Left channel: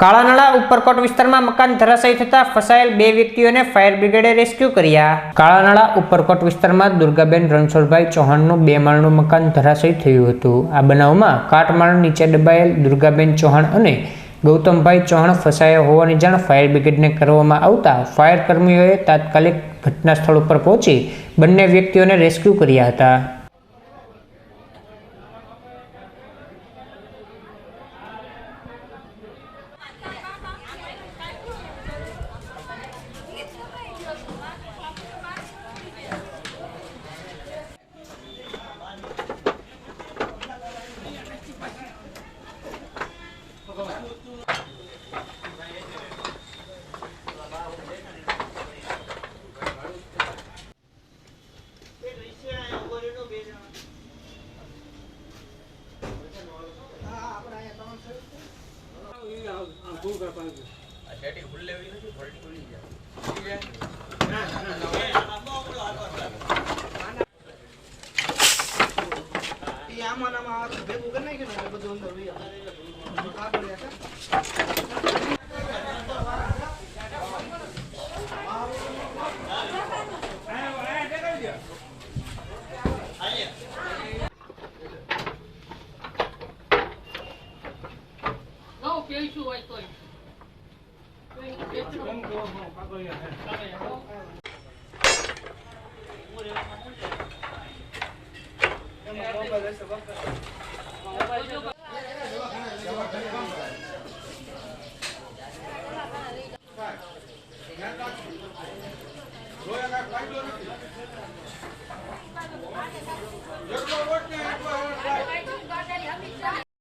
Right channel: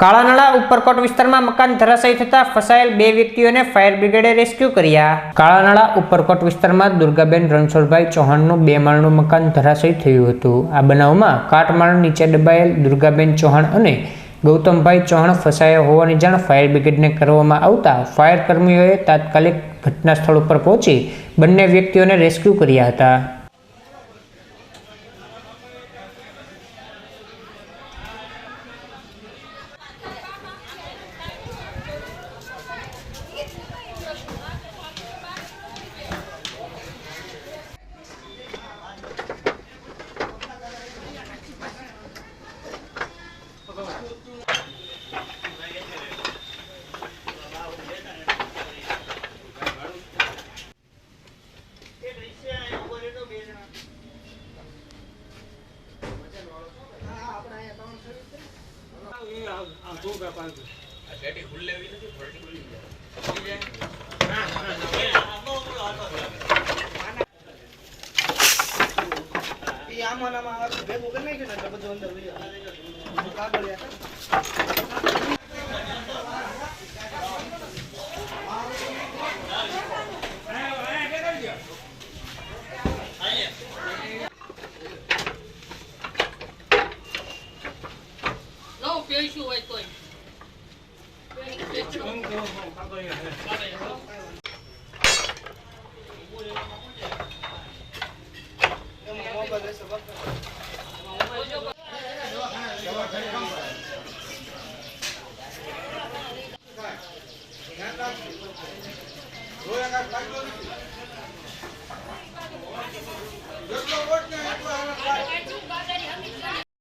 કાળાનાળા ઉપરકોટ વિસ્તારમાં મકાન ધરાશાયી થતા ફસાયેલ 2 વ્યક્તિઓને ફાયર બ્રિગેડે રેસ્ક્યુ કર્યા। કાળાનાળા ઉપરકોટ વિસ્તારમાં દુર્ગાબેન રણછોડભાઈ ચૌહાણનું 2 માળનું મકાન ધરાશાયી થયું હતું। આ બનાવમાં કાટમાળ નીચે દબાયેલ દુર્ગાબેન ચૌહાણ અને ગૌતમભાઈ ચૌહાણ ફસાયા હોવાની જાણ ફાયર બ્રિગેડને કરવામાં આવતા ફાયર કર્મીઓએ તાત્કાલિક ઘટના સ્થળ ઉપર પહોંચી બંને વ્યક્તિઓને રેસ્ક્યુ કર્યા હતા।